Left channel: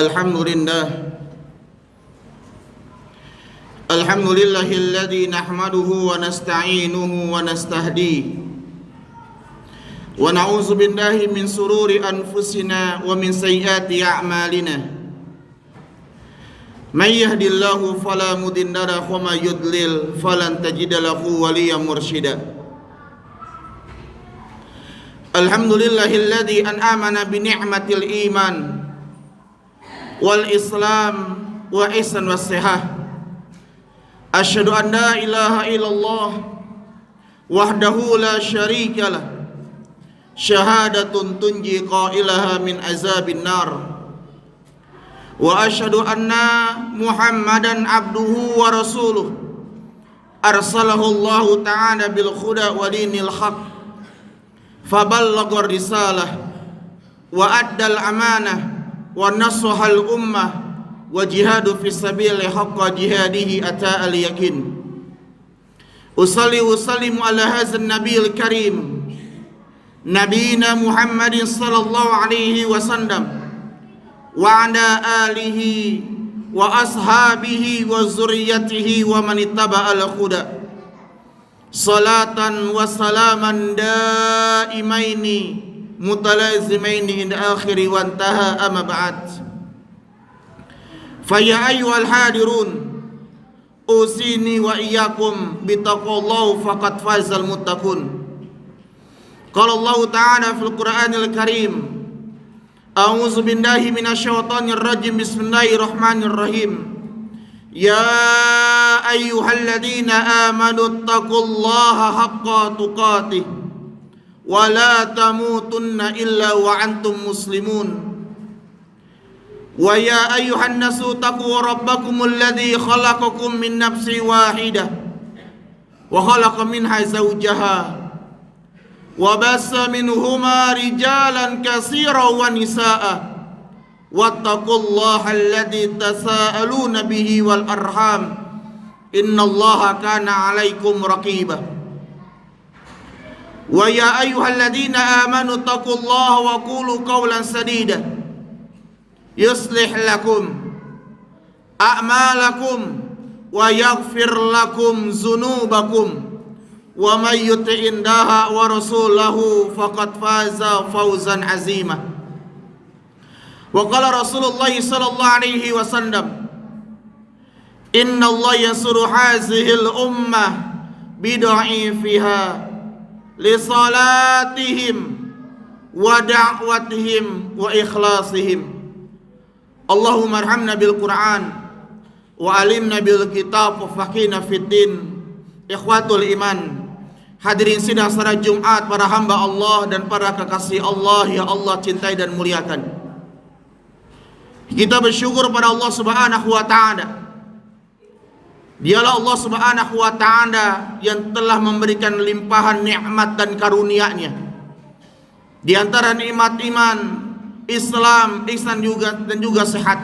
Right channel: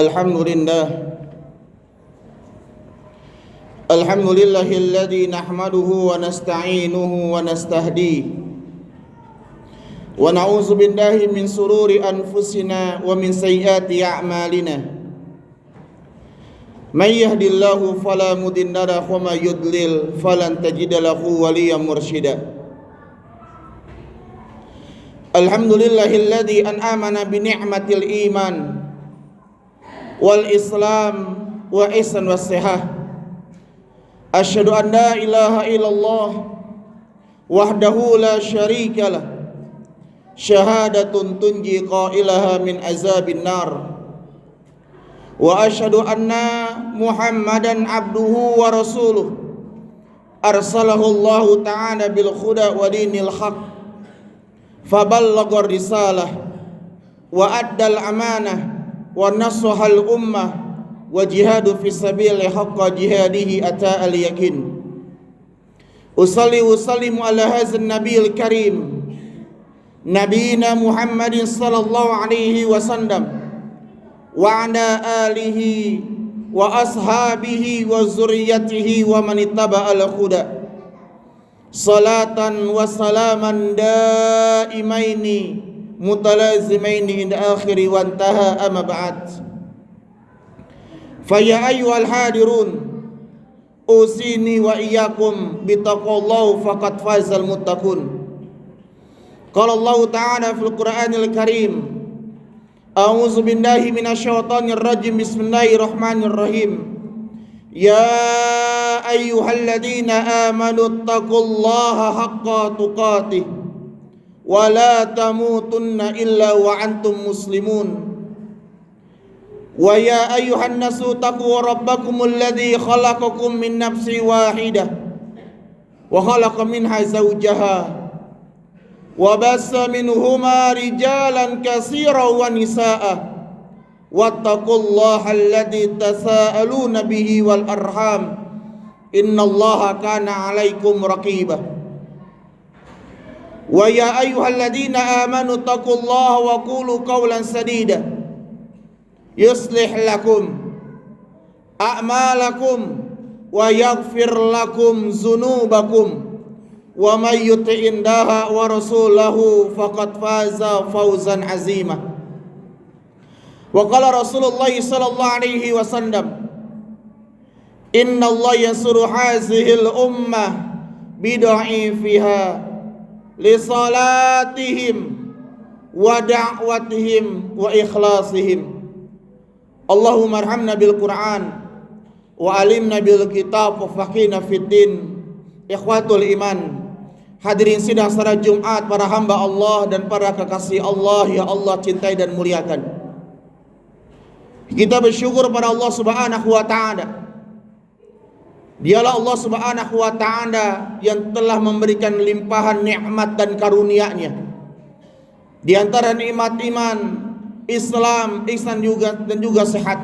Alhamdulillah Alhamdulillahilladzi nahmaduhu wa nasta'inuhu wa nastahdi wa na'udzu billahi min sururi anfusina wa min sayyiati a'malina may yahdihillahu fala mudilla lahu wa may yudlil falan tajida lahu waliyyan mursyida. Alhamdulillahilladzi an'amana bi ni'matil iman wal islam wa ihsan was sihah. Asyhadu an la ilaha illallah wahdahu la syarika lah. Syahadatun tunji qailaha min azabin nar. Wa asyhadu anna Muhammadan abduhu wa rasuluh. Arsalahu Allah ta'ala bil huda wa dinil haq. Faballagha risalah wa addal amanah wa nasahal ummah wa jihadu fi sabili haqqa jihadihi ata al yakin. Usalli wa sallimu ala hadzal nabiyil karim nabiyina Muhammadin sallallahu alaihi wasallam wa ala alihi wa ashabihi wa zurriyyatihi wa man ittaba al huda salatan wa salaman daimaini mutalazimaini inda akhiri wa intaha amma ba'd. Faya ayyuhal hadirun usini wa iyyakum bittaqwallahi faqad fazal muttaqun. Qala Allah ta'ala fil Qur'anil Karim a'udzu billahi minasyaitonir rajim bismillahirrahmanirrahim. Ya ayyuhalladzina amanu taqullaha haqqa tuqatih wa la tamutunna illa wa antum muslimun. Wa ya ayyuhan nasu taqu rabbakumul ladzi khalaqakum min nafsin wahidah wa khalaqa minha zawjaha wa bassa minhuma rijalan katsiran wa nisaa'a wattaqullaha alladzi tasaaluna bihi wal arham innallaha kana 'alaikum raqiba. Wa ya ayyuhalladzina amanu taqullaha wa qulu qawlan sadida yuslih lakum a'malakum wa yaghfir lakum dzunubakum wa may yuti'indaha wa rasulahu faqad faza fawzan 'azima. Wa qala Rasulullah sallallahu alaihi wasallam inna Allah yansuru hazihil ummah bidha'ifiha li salatihim wa da'watihim wa ikhlasihim. Allahumma arhamna bil Qur'an wa alimna bil kitab wa faqihna fid din. Ikhwatul iman, hadirin sidang salat Jumat, para hamba Allah dan para kekasih Allah ya Allah cintai dan muliakan. Kita bersyukur pada Allah Subhanahu wa taala. Dialah Allah Subhanahu wa taala yang telah memberikan limpahan nikmat dan karunia-Nya. Di antara nikmat iman, Islam, ihsan dan juga sehat.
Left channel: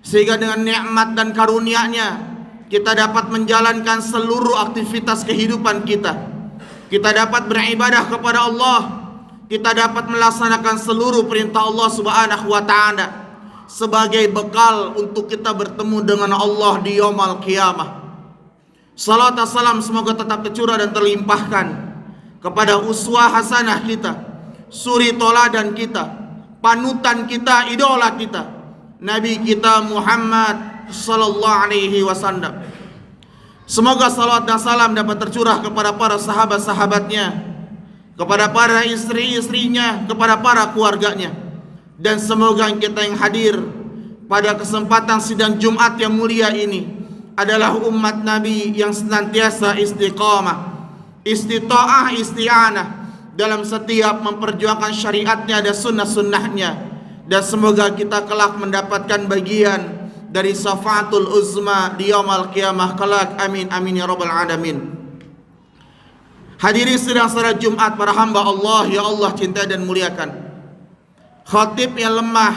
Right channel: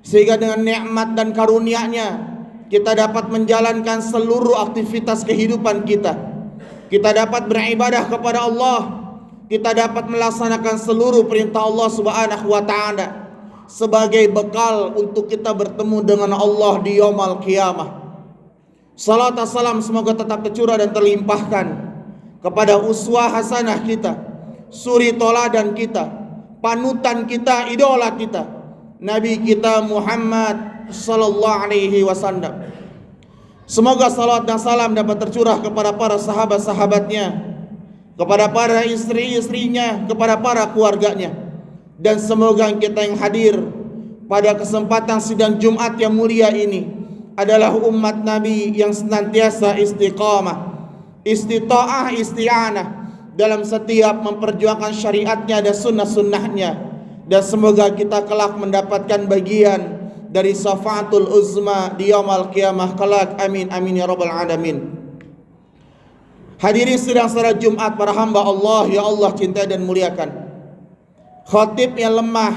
Sehingga dengan nikmat dan karunia-Nya kita dapat menjalankan seluruh aktivitas kehidupan kita. Kita dapat beribadah kepada Allah. Kita dapat melaksanakan seluruh perintah Allah Subhanahu wa taala sebagai bekal untuk kita bertemu dengan Allah di yaumul qiyamah. Salat dan salam semoga tetap tercurah dan terlimpahkan kepada uswah hasanah kita, suri toladan kita, panutan kita, idola kita, Nabi kita Muhammad sallallahu alaihi wasallam. Semoga salawat dan salam dapat tercurah kepada para sahabat-sahabatnya, kepada para istri-istrinya, kepada para keluarganya, dan semoga kita yang hadir pada kesempatan sidang Jumat yang mulia ini adalah umat Nabi yang senantiasa istiqamah, istita'ah, isti'anah dalam setiap memperjuangkan syariatnya dan sunnah-sunnahnya. Dan semoga kita kelak mendapatkan bagian dari syafaatul uzma di yaumul qiyamah kelak. Amin amin ya rabbal alamin. Hadirin sidang salat Jumat, para hamba Allah ya Allah cintai dan muliakan. Khatib yang lemah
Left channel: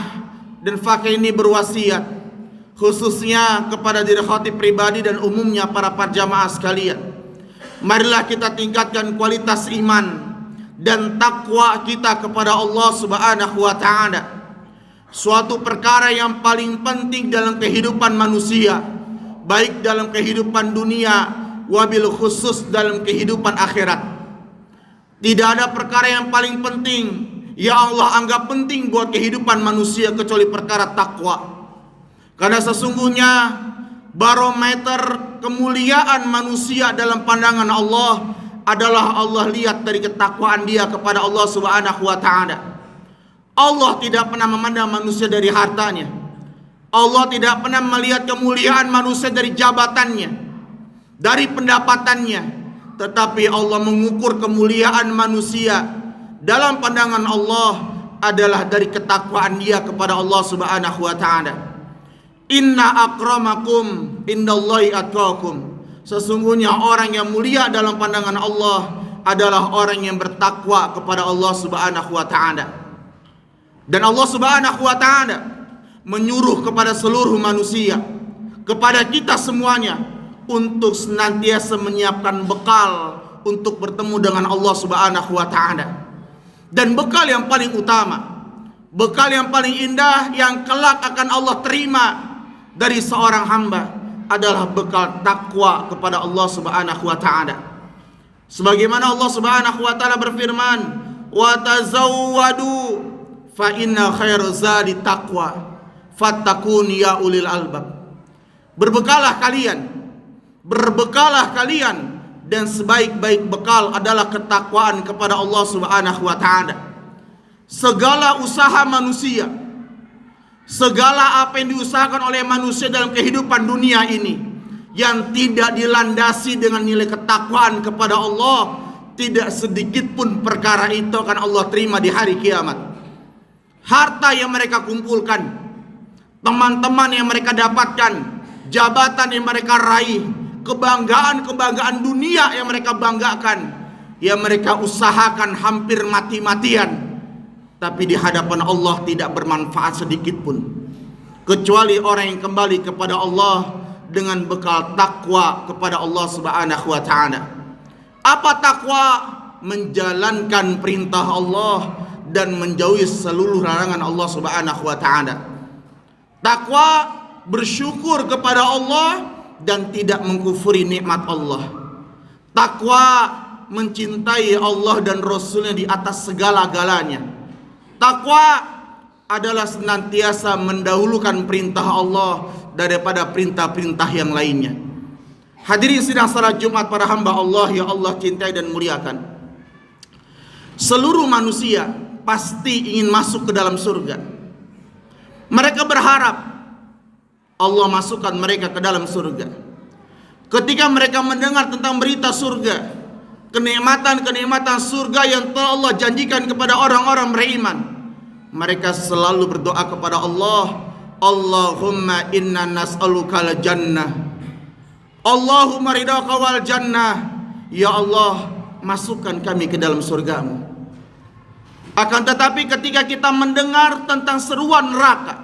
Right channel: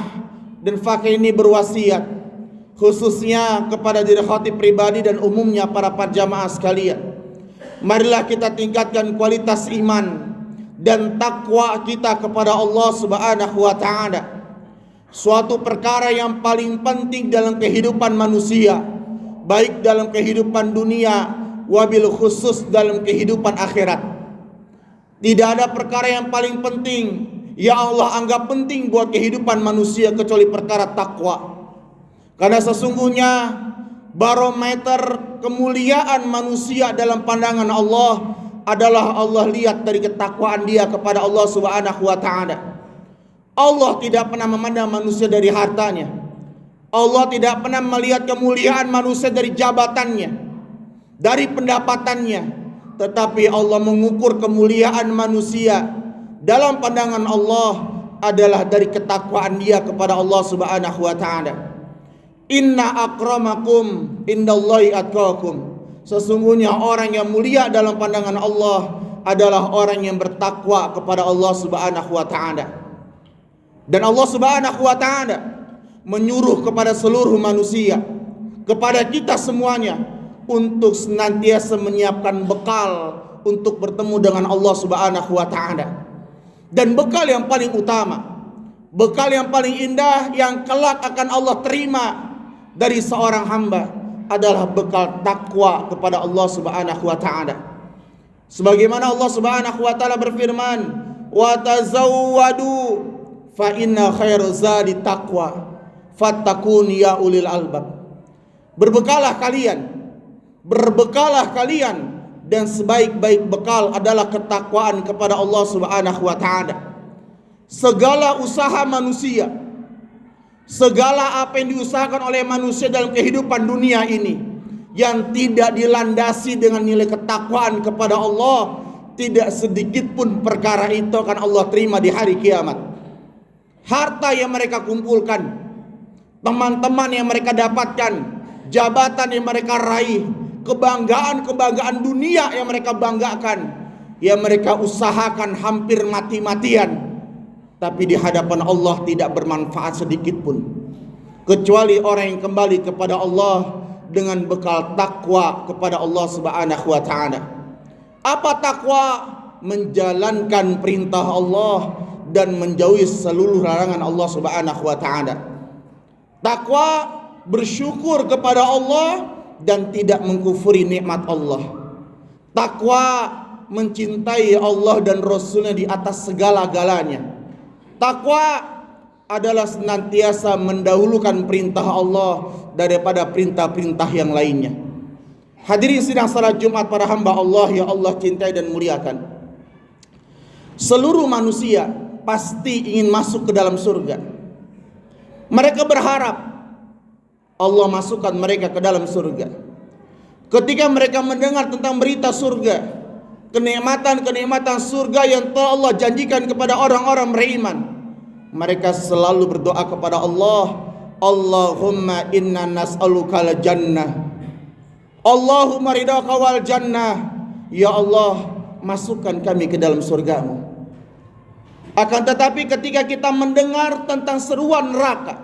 dan fakih ini berwasiat khususnya kepada diri khatib pribadi dan umumnya para jamaah sekalian. Marilah kita tingkatkan kualitas iman dan takwa kita kepada Allah Subhanahu wa taala. suatu perkara yang paling penting dalam kehidupan manusia, baik dalam kehidupan dunia, wabil khusus dalam kehidupan akhirat. Tidak ada perkara yang paling penting ya Allah anggap penting buat kehidupan manusia kecuali perkara takwa. Karena sesungguhnya barometer kemuliaan manusia dalam pandangan Allah adalah Allah lihat dari ketakwaan dia kepada Allah Subhanahu wa taala. Allah tidak pernah memandang manusia dari hartanya. Allah tidak pernah melihat kemuliaan manusia dari jabatannya, dari pendapatannya, tetapi Allah mengukur kemuliaan manusia dalam pandangan Allah adalah dari ketakwaan dia kepada Allah Subhanahu wa taala. Inna akramakum indallahi atqakum. Sesungguhnya orang yang mulia dalam pandangan Allah adalah orang yang bertakwa kepada Allah Subhanahu wa taala. Dan Allah Subhanahu wa taala menyuruh kepada seluruh manusia, kepada kita semuanya untuk senantiasa menyiapkan bekal untuk bertemu dengan Allah Subhanahu wa taala. Dan bekal yang paling utama, bekal yang paling indah yang kelak akan Allah terima dari seorang hamba adalah bekal takwa kepada Allah Subhanahu wa taala. Sebagaimana Allah Subhanahu wa taala berfirman, "Wa tazawwadu fa inna khairaz zadi taqwa fattaqun ya ulil albab." Berbekalah kalian dan sebaik-baik bekal adalah ketakwaan kepada Allah Subhanahu wa taala. Segala usaha manusia, segala apa yang diusahakan oleh manusia dalam kehidupan dunia ini yang tidak dilandasi dengan nilai ketakwaan kepada Allah, tidak sedikit pun perkara itu akan Allah terima di hari kiamat. Harta yang mereka kumpulkan, teman-teman yang mereka dapatkan, jabatan yang mereka raih, kebanggaan dunia yang mereka banggakan, yang mereka usahakan hampir mati-matian, tapi di hadapan Allah tidak bermanfaat sedikit pun, kecuali orang yang kembali kepada Allah dengan bekal takwa kepada Allah Subhanahu wa taala. Apa takwa? Menjalankan perintah Allah dan menjauhi seluruh larangan Allah Subhanahu wa taala. Takwa bersyukur kepada Allah dan tidak mengkufuri nikmat Allah. Takwa mencintai Allah dan Rasulnya di atas segala-galanya. Takwa adalah senantiasa mendahulukan perintah Allah daripada perintah-perintah yang lainnya. Hadirin sidang salat Jumat para hamba Allah yang Allah cintai dan muliakan. Seluruh manusia pasti ingin masuk ke dalam surga. Mereka berharap Allah masukkan mereka ke dalam surga. Ketika mereka mendengar tentang berita surga, kenikmatan-kenikmatan surga yang telah Allah janjikan kepada orang-orang beriman, mereka selalu berdoa kepada Allah, Allahumma inna nas'aluka al-jannah, Allahumma ridhaka wal jannah. Ya Allah, masukkan kami ke dalam surgamu. Akan tetapi ketika kita mendengar tentang seruan neraka,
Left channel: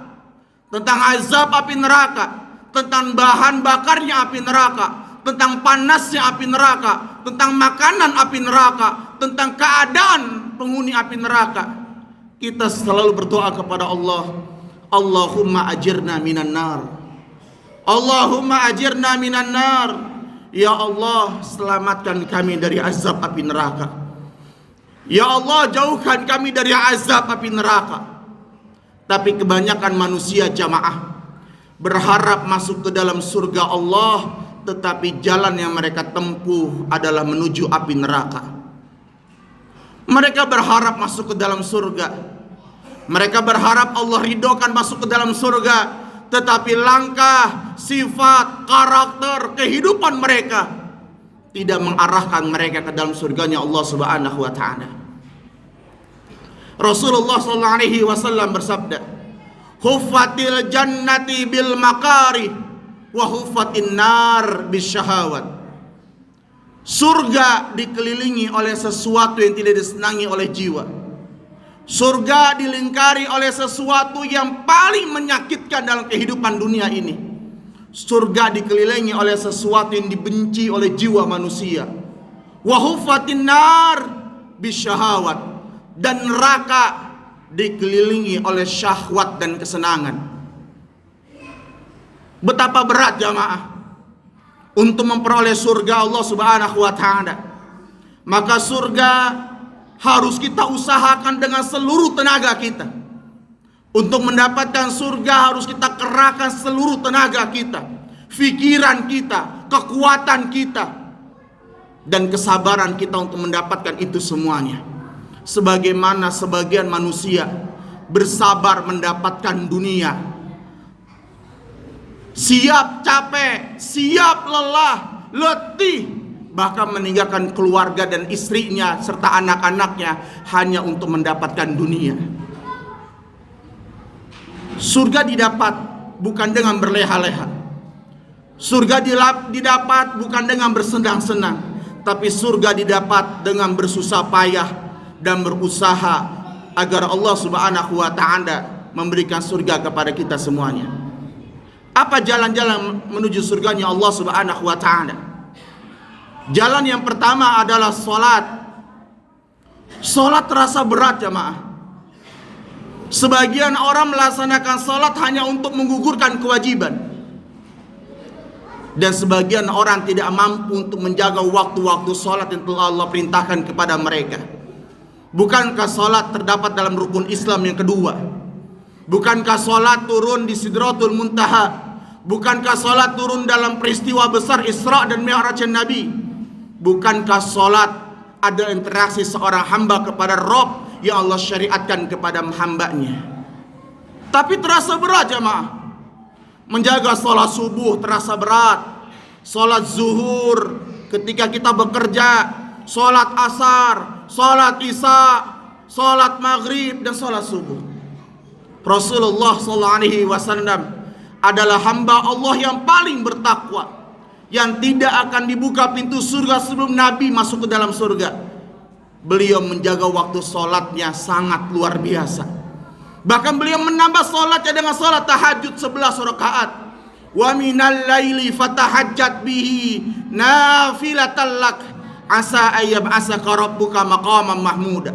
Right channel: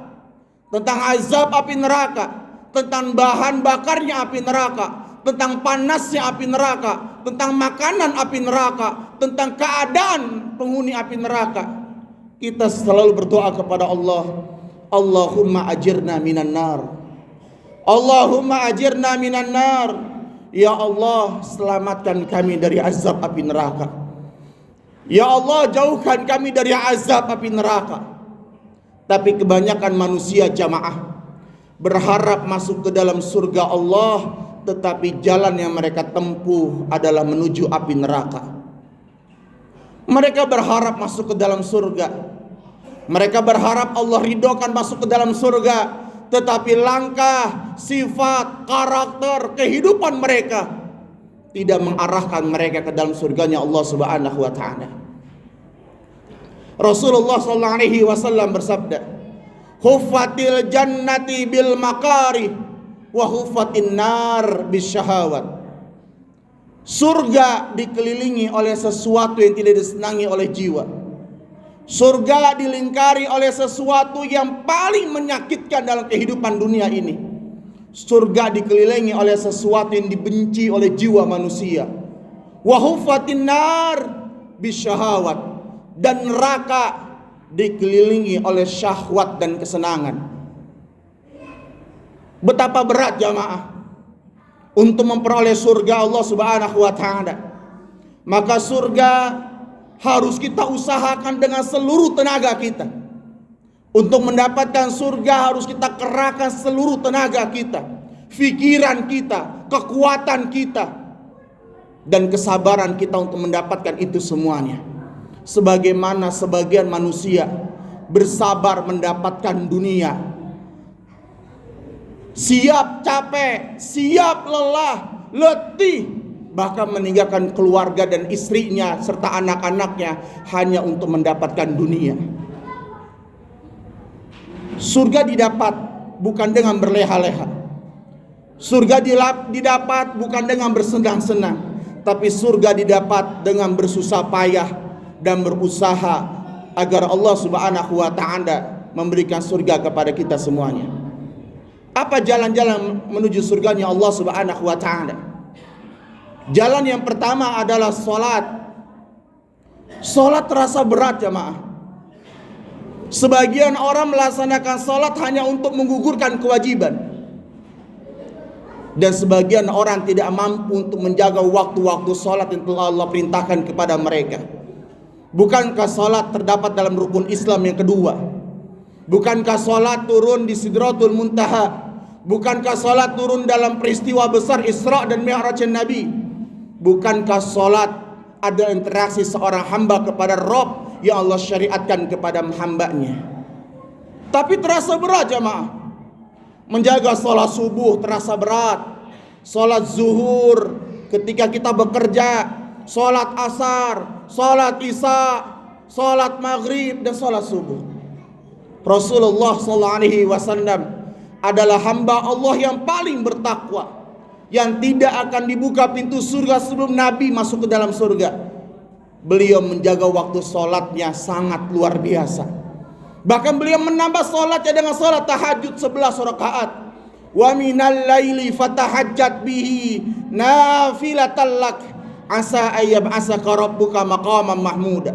tentang azab api neraka, tentang bahan bakarnya api neraka, tentang panasnya api neraka, tentang makanan api neraka, tentang keadaan penghuni api neraka, kita selalu berdoa kepada Allah, Allahumma ajirna minan nar, Allahumma ajirna minan nar. Ya Allah, selamatkan kami dari azab api neraka. Ya Allah, jauhkan kami dari azab api neraka. Tapi kebanyakan manusia jamaah berharap masuk ke dalam surga Allah, tetapi jalan yang mereka tempuh adalah menuju api neraka. Mereka berharap masuk ke dalam surga, mereka berharap Allah ridhokan masuk ke dalam surga, tetapi langkah, sifat, karakter, kehidupan mereka tidak mengarahkan mereka ke dalam surganya Allah Subhanahu wa taala. Rasulullah sallallahu alaihi wasallam bersabda, "Huffatil jannati bil makari wa huffatin nar bisyahawat." Surga dikelilingi oleh sesuatu yang tidak disenangi oleh jiwa. Surga dilingkari oleh sesuatu yang paling menyakitkan dalam kehidupan dunia ini. Surga dikelilingi oleh sesuatu yang dibenci oleh jiwa manusia. Wa huffatin nar bisyahawat. Dan neraka dikelilingi oleh syahwat dan kesenangan. Betapa berat jamaah untuk memperoleh surga Allah Subhanahu wa taala. Maka surga harus kita usahakan dengan seluruh tenaga kita. Untuk mendapatkan surga harus kita kerahkan seluruh tenaga kita, pikiran kita, kekuatan kita, dan kesabaran kita untuk mendapatkan itu semuanya. Sebagaimana sebagian manusia bersabar mendapatkan dunia, siap capek, siap lelah, letih, bahkan meninggalkan keluarga dan istrinya serta anak-anaknya hanya untuk mendapatkan dunia. Surga didapat bukan dengan berleha-leha. Surga didapat bukan dengan bersenang-senang, tapi surga didapat dengan bersusah payah dan berusaha agar Allah Subhanahu wa taala memberikan surga kepada kita semuanya. Apa jalan-jalan menuju surganya Allah Subhanahu wa taala? Jalan yang pertama adalah salat. Salat terasa berat jemaah. Sebagian orang melaksanakan salat hanya untuk menggugurkan kewajiban, dan sebagian orang tidak mampu untuk menjaga waktu-waktu salat yang telah Allah perintahkan kepada mereka. Bukankah salat terdapat dalam rukun Islam yang kedua? Bukankah salat turun di Sidratul Muntaha? Bukankah salat turun dalam peristiwa besar Isra dan Mi'raj Nabi? Bukankah salat ada interaksi seorang hamba kepada Rabb yang Allah syariatkan kepada hambanya? Tapi terasa berat jemaah. Menjaga salat subuh terasa berat, salat zuhur ketika kita bekerja, salat asar, salat isya, salat maghrib, dan salat subuh. Rasulullah SAW adalah hamba Allah yang paling bertakwa, yang tidak akan dibuka pintu surga sebelum Nabi masuk ke dalam surga. Beliau menjaga waktu sholatnya sangat luar biasa. Bahkan beliau menambah sholatnya dengan sholat tahajud 11 rakaat. Wa minal laili fatahajjat bihi nafilatan lak asa ayyab'asaka rabbuka maqaman mahmuda.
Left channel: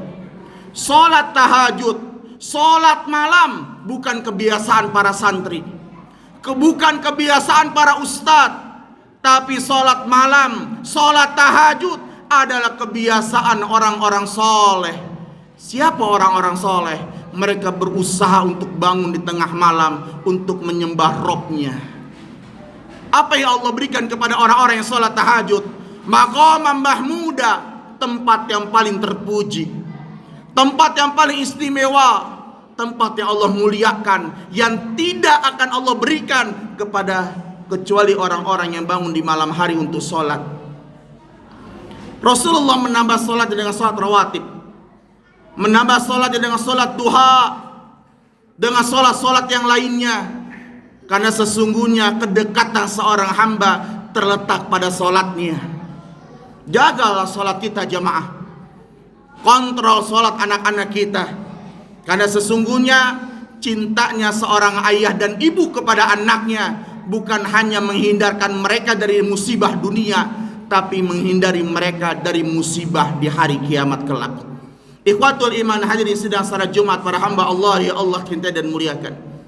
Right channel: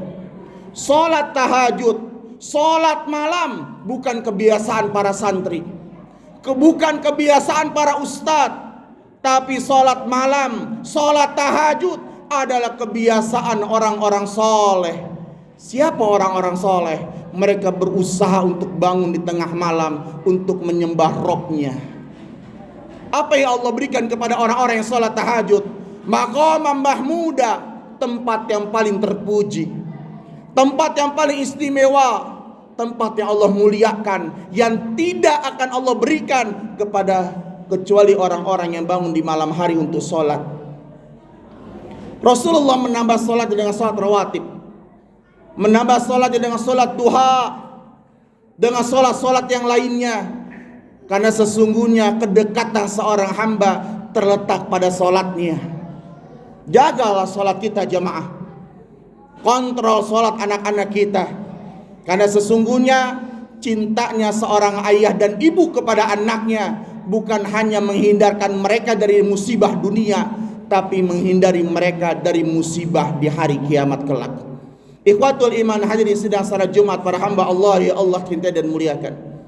Sholat tahajud, sholat malam bukan kebiasaan para santri, bukan kebiasaan para ustadz, tapi sholat malam, sholat tahajud adalah kebiasaan orang-orang soleh. Siapa orang-orang soleh? Mereka berusaha untuk bangun di tengah malam untuk menyembah Robnya. Apa yang Allah berikan kepada orang-orang yang sholat tahajud? Maqaman mahmuda, tempat yang paling terpuji, tempat yang paling istimewa, tempat yang Allah muliakan, yang tidak akan Allah berikan kepada kecuali orang-orang yang bangun di malam hari untuk sholat. Rasulullah menambah sholat dengan sholat rawatib, menambah sholat dengan sholat duha, dengan sholat-sholat yang lainnya. Karena sesungguhnya kedekatan seorang hamba terletak pada sholatnya. Jagalah sholat kita jemaah, kontrol sholat anak-anak kita. Karena sesungguhnya cintanya seorang ayah dan ibu kepada anaknya bukan hanya menghindarkan mereka dari musibah dunia, tapi menghindari mereka dari musibah di hari kiamat kelak. Ikhwatul iman hadirin sidang salat Jumat para hamba Allah ya Allah cintai dan muliakan.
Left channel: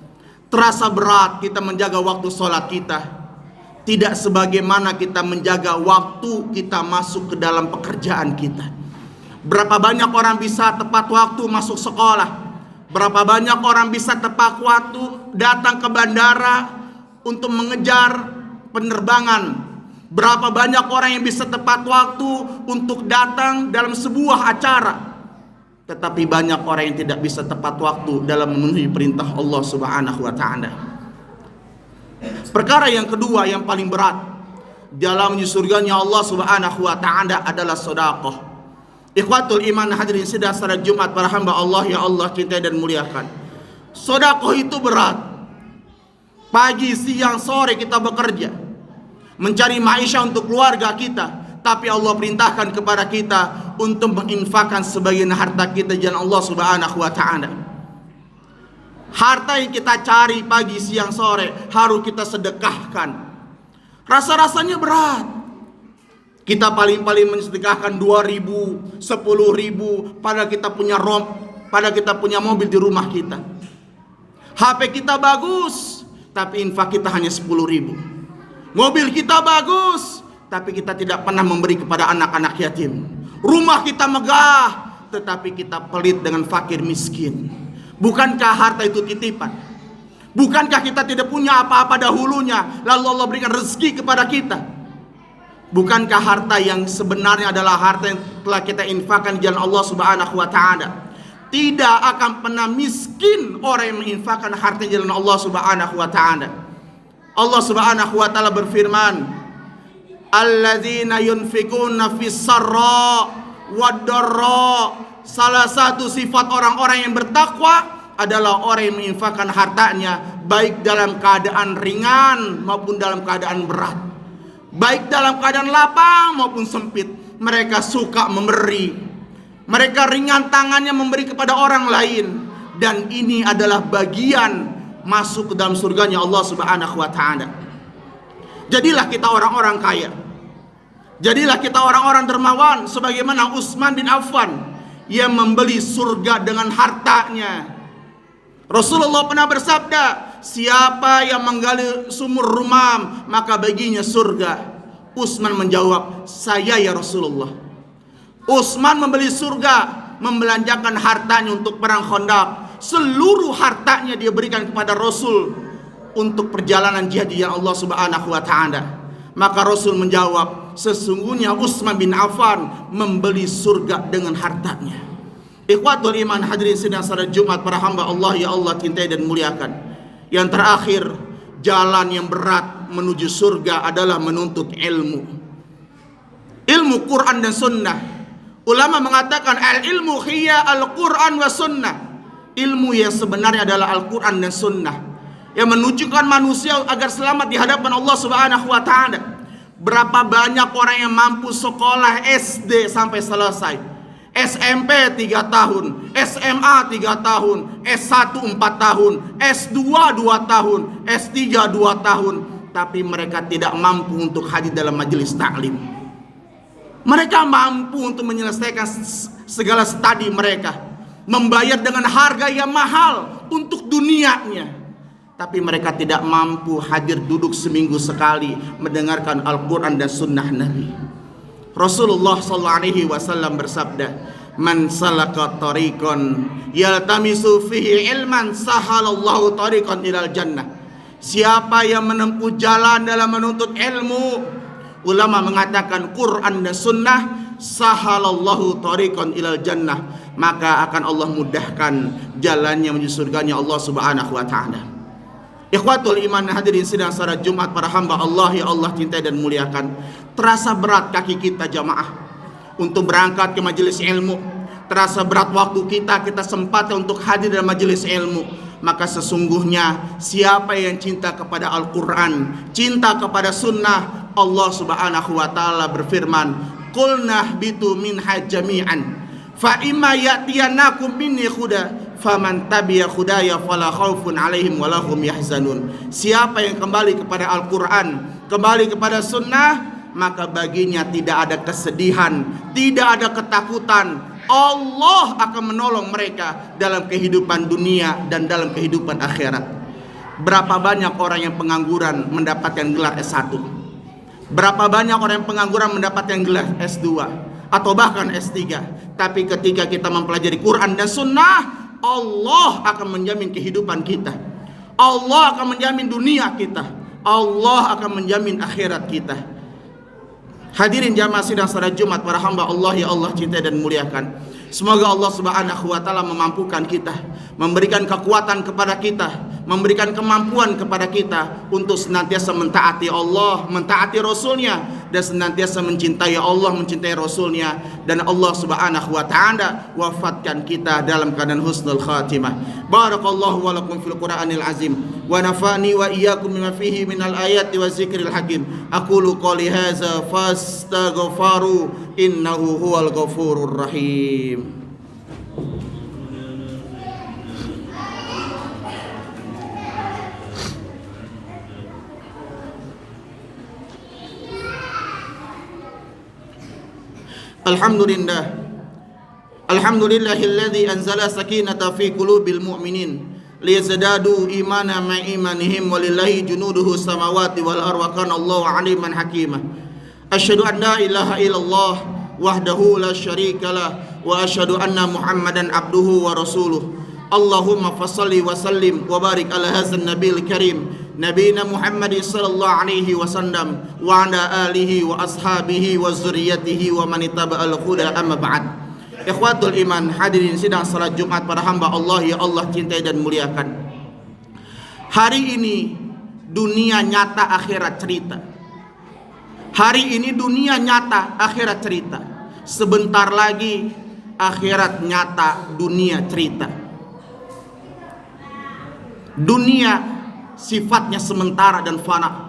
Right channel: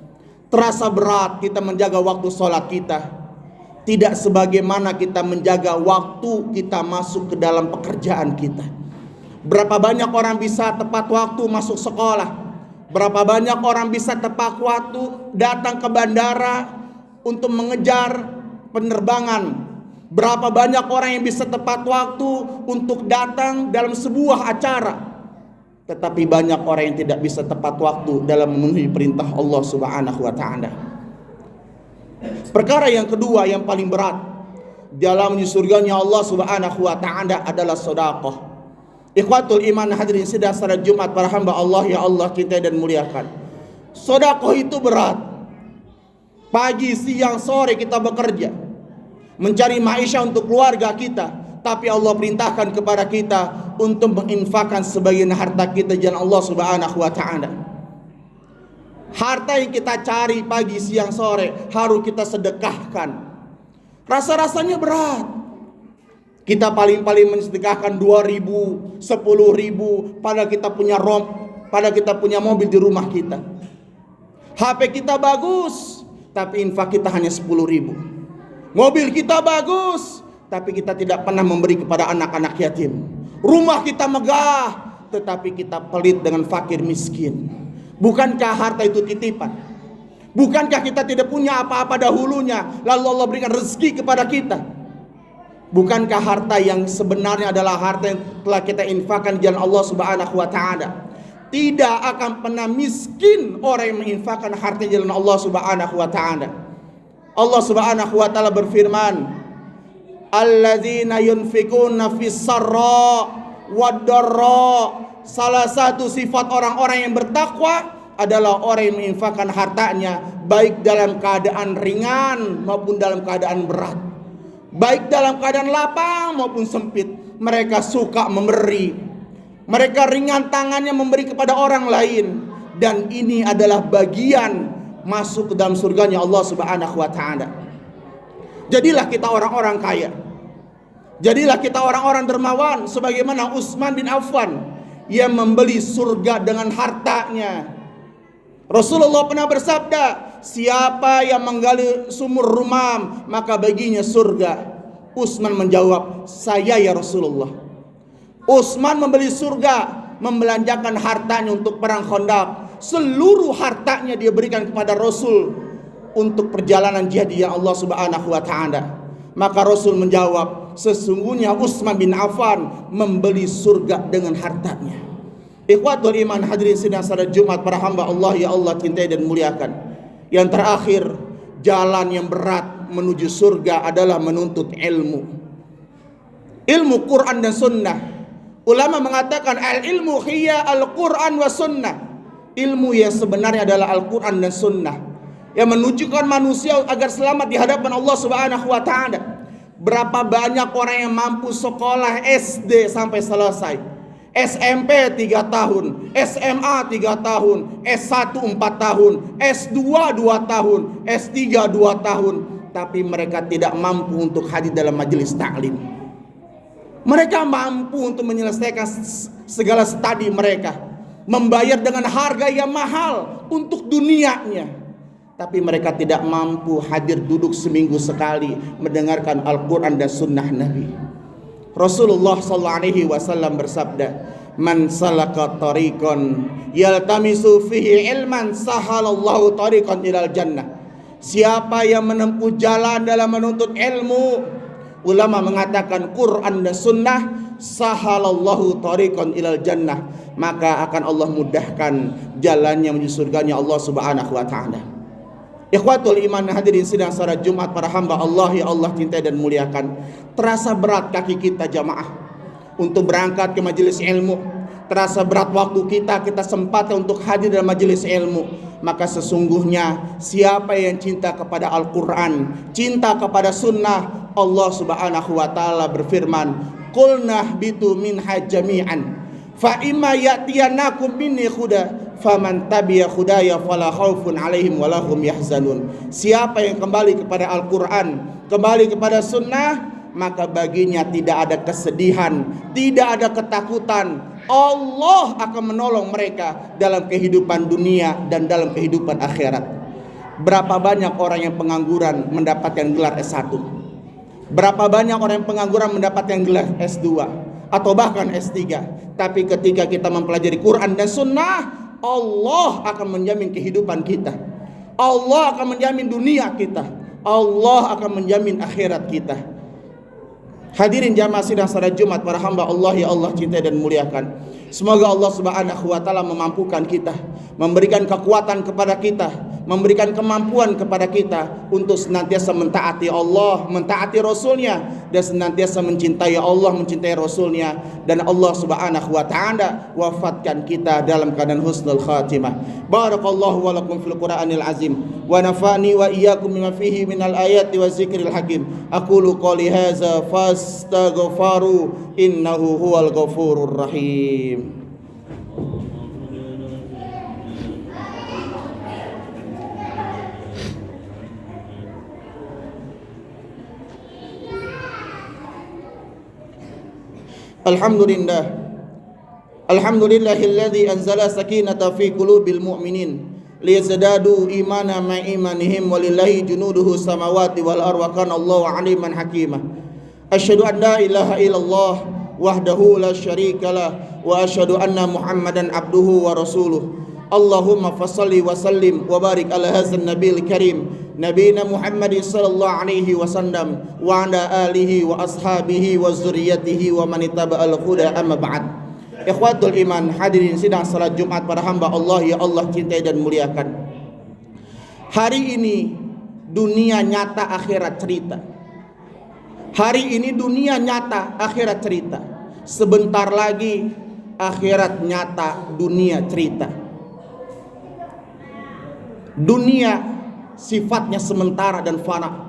Terasa berat kita menjaga waktu sholat kita, tidak sebagaimana kita menjaga waktu kita masuk ke dalam pekerjaan kita. Berapa banyak orang bisa tepat waktu masuk sekolah, berapa banyak orang bisa tepat waktu datang ke bandara untuk mengejar penerbangan. Berapa banyak orang yang bisa tepat waktu untuk datang dalam sebuah acara. Tetapi banyak orang yang tidak bisa tepat waktu dalam memenuhi perintah Allah Subhanahu wa taala. Perkara yang kedua yang paling berat dalam menuju surganya Allah Subhanahu wa taala adalah sedekah. Ikhwatul iman hadirin sidang salat Jumat para hamba Allah ya Allah cintai dan muliakan. Sedekah itu berat. Pagi, siang, sore kita bekerja mencari maisha untuk keluarga kita, tapi Allah perintahkan kepada kita untuk menginfakkan sebagian harta kita di jalan Allah Subhanahu wa taala. Harta yang kita cari pagi, siang, sore harus kita sedekahkan. Rasa-rasanya berat. Kita paling-paling mensedekahkan 2.000, 10.000, padahal kita punya pada kita punya mobil di rumah kita. HP kita bagus, tapi infak kita hanya 10.000. Mobil kita bagus, tapi kita tidak pernah memberi kepada anak-anak yatim. Rumah kita megah, tetapi kita pelit dengan fakir miskin. Bukankah harta itu titipan? Bukankah kita tidak punya apa-apa dahulunya, lalu Allah berikan rezeki kepada kita? Bukankah harta yang sebenarnya adalah harta yang telah kita infakkan di jalan Allah Subhanahu wa taala? Tidak akan pernah miskin orang yang menginfakkan harta di jalan Allah Subhanahu wa taala. Allah Subhanahu wa taala berfirman, "Alladzina yunfikuna fis sarra wad dharra." Salah satu sifat orang-orang yang bertakwa adalah orang yang menginfakkan hartanya baik dalam keadaan ringan maupun dalam keadaan berat, baik dalam keadaan lapang maupun sempit. Mereka suka memberi, mereka ringan tangannya memberi kepada orang lain, dan ini adalah bagian masuk ke dalam surganya Allah Subhanahu wa taala. Jadilah kita orang-orang kaya, jadilah kita orang-orang dermawan sebagaimana Utsman bin Affan yang membeli surga dengan hartanya. Rasulullah pernah bersabda, siapa yang menggali sumur Rumam maka baginya surga. Utsman menjawab, saya ya Rasulullah. Utsman membeli surga, membelanjakan hartanya untuk perang Khandaq. Seluruh hartanya dia berikan kepada Rasul untuk perjalanan jihad yang Allah Subhanahu wa taala. Maka Rasul menjawab, sesungguhnya Utsman bin Affan membeli surga dengan hartanya. Ikhwatul iman, hadirin sidang salat Jumat para hamba Allah ya Allah cintai dan muliakan. Yang terakhir, jalan yang berat menuju surga adalah menuntut ilmu. Ilmu Quran dan Sunnah. Ulama mengatakan al-ilmu hiya al-Quran wa Sunnah. Ilmu yang sebenarnya adalah Al-Quran dan Sunnah yang menunjukkan manusia agar selamat di hadapan Allah Subhanahu wa taala. Berapa banyak orang yang mampu sekolah SD sampai selesai, SMP 3 tahun, SMA 3 tahun, S1 4 tahun, S2 2 tahun, S3 2 tahun, tapi mereka tidak mampu untuk hadir dalam majelis taklim. Mereka mampu untuk menyelesaikan segala studi mereka, membayar dengan harga yang mahal untuk dunianya, tapi mereka tidak mampu hadir duduk seminggu sekali mendengarkan Al-Quran dan Sunnah Nabi. Rasulullah SAW bersabda, man salaka tariqan yaltamisu fihi ilman sahalallahu tariqan ilal jannah. Siapa yang menempuh jalan dalam menuntut ilmu, ulama mengatakan Quran dan Sunnah, sahalallahu tariqan ilal jannah, maka akan Allah mudahkan jalannya menuju surganya Allah Subhanahu wa taala. Ikhwatul iman, hadirin sidang salat Jumat para hamba Allah ya Allah cintai dan muliakan. Terasa berat kaki kita jamaah untuk berangkat ke majelis ilmu. Terasa berat waktu kita sempatkan untuk hadir dalam majelis ilmu. Maka sesungguhnya siapa yang cinta kepada Al-Quran, cinta kepada Sunnah, Allah Subhanahu wa taala berfirman, qulna bitu minha jami'an fa imma ya'tiyanakum minni huda faman tabi'a hudaya fala khaufun 'alaihim wala hum yahzanun. Siapa yang kembali kepada Al-Quran, kembali kepada Sunnah, maka baginya tidak ada kesedihan, tidak ada ketakutan. Allah akan menolong mereka dalam kehidupan dunia dan dalam kehidupan akhirat. Berapa banyak orang yang pengangguran mendapatkan gelar S1? Berapa banyak orang yang pengangguran mendapatkan gelar S2 atau bahkan S3? Tapi ketika kita mempelajari Quran dan Sunnah, Allah akan menjamin kehidupan kita. Allah akan menjamin dunia kita. Allah akan menjamin akhirat kita. Hadirin jamaah sidang salat Jumat para hamba Allah ya Allah cintai dan muliakan. Semoga Allah Subhanahu wa taala memampukan kita, memberikan kekuatan kepada kita, memberikan kemampuan kepada kita untuk senantiasa mentaati Allah, mentaati Rasulnya, dan senantiasa mencintai Allah, mencintai Rasulnya. Dan Allah Subhanahu wa taala wafatkan kita dalam keadaan husnul khatimah. Barakallahu wa lakum fil Qur'anil azim wa nafa'ni wa iyyakum bima fihi minal ayati wa zikril hakim. Aqulu qouli hadza fastaghfiru innahu huwal ghafurur rahim. Alhamdulillah Alhamdulillahilladzi anzala sakinata fi qulubil mu'minin liyazdadu imana ma imanihim walillahi junuduhu samawati wal ardi wa kana Allahu aliman hakima. Asyhadu an la ilaha illallah wahdahu la syarika lah wa asyhadu anna Muhammadan abduhu wa rasuluh. Allahumma fassalli wa sallim wa barik ala hadzal nabiyil karim nabiyina Muhammad sallallahu alaihi wasallam wa ala alihi wa ashabihi wa zurriyyatihi wa man ittaba'al huda amma ba'd. Ikhwatul iman, hadirin sidang salat Jumat para hamba Allah ya Allah cintai dan muliakan. Hari ini dunia nyata, akhirat cerita. Hari ini dunia nyata, akhirat cerita. Sebentar lagi akhirat nyata, dunia cerita. Dunia sifatnya sementara dan fana.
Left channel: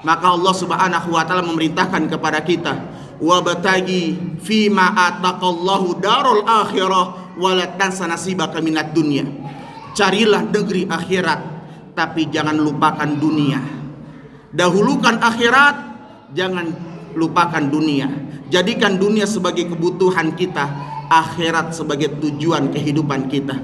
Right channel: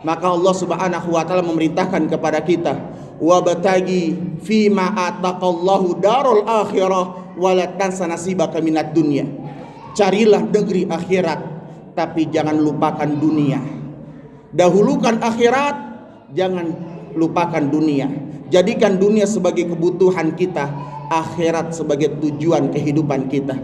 Maka Allah Subhanahu wa taala memerintahkan kepada kita, wabtagi fima ataqallahu darul akhirah wala tansa nasibaka minad dunya. Carilah negeri akhirat tapi jangan lupakan dunia. Dahulukan akhirat, jangan lupakan dunia. Jadikan dunia sebagai kebutuhan kita, akhirat sebagai tujuan kehidupan kita.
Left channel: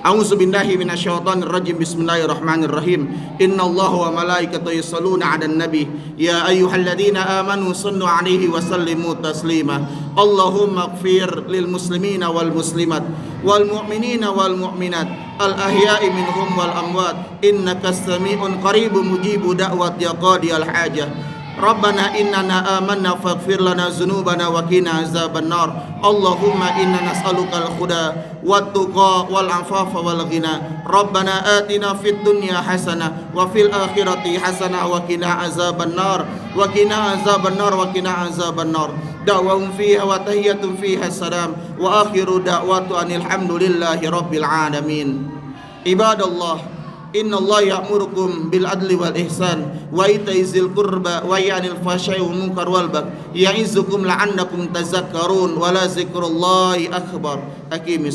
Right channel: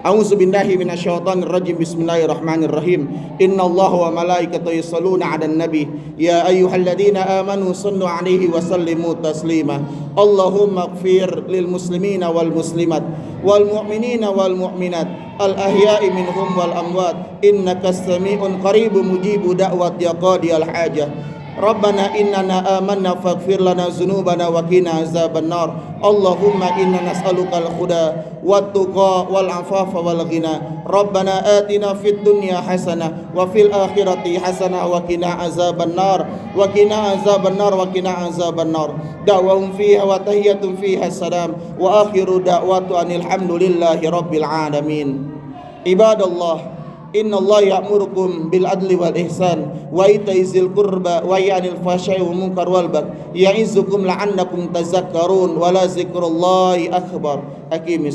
A'udzubillahi minasyaitonir rajim. Bismillahirrahmanirrahim. Innallaha wa malaikatahu yusholluna 'alan nabi ya ayyuhalladzina amanu shallu 'alaihi wa sallimu taslima. Allahumma ighfir lil muslimina wal muslimat wal mu'minina wal mu'minat al ahya'i minhum wal amwat innaka samii'un qaribun mujibu da'wati qadiyal hajah. Rabbana innana amanna faghfir lana dzunubana wa qina azabannar. Allahumma inna nas'aluka al-huda wat tuqa wal afafa wal ghina. Rabbana atina fid dunya hasanah wa fil akhirati hasanah wa qina azabannar wa qina azabannar wa qina azabannar. Da'wahum fiha wa tahiyyatun fiha salam wa akhiru da'watu anil hamdulillahi rabbil alamin. Ibadallah, Inna Allah ya'murukum bil adli wal ihsan wa ita'i zil qurba wa yanil fahsya'i wal munkar wal baghi ya'izukum la'annakum tazakkarun wa la zikrullahi akbar. Aqimis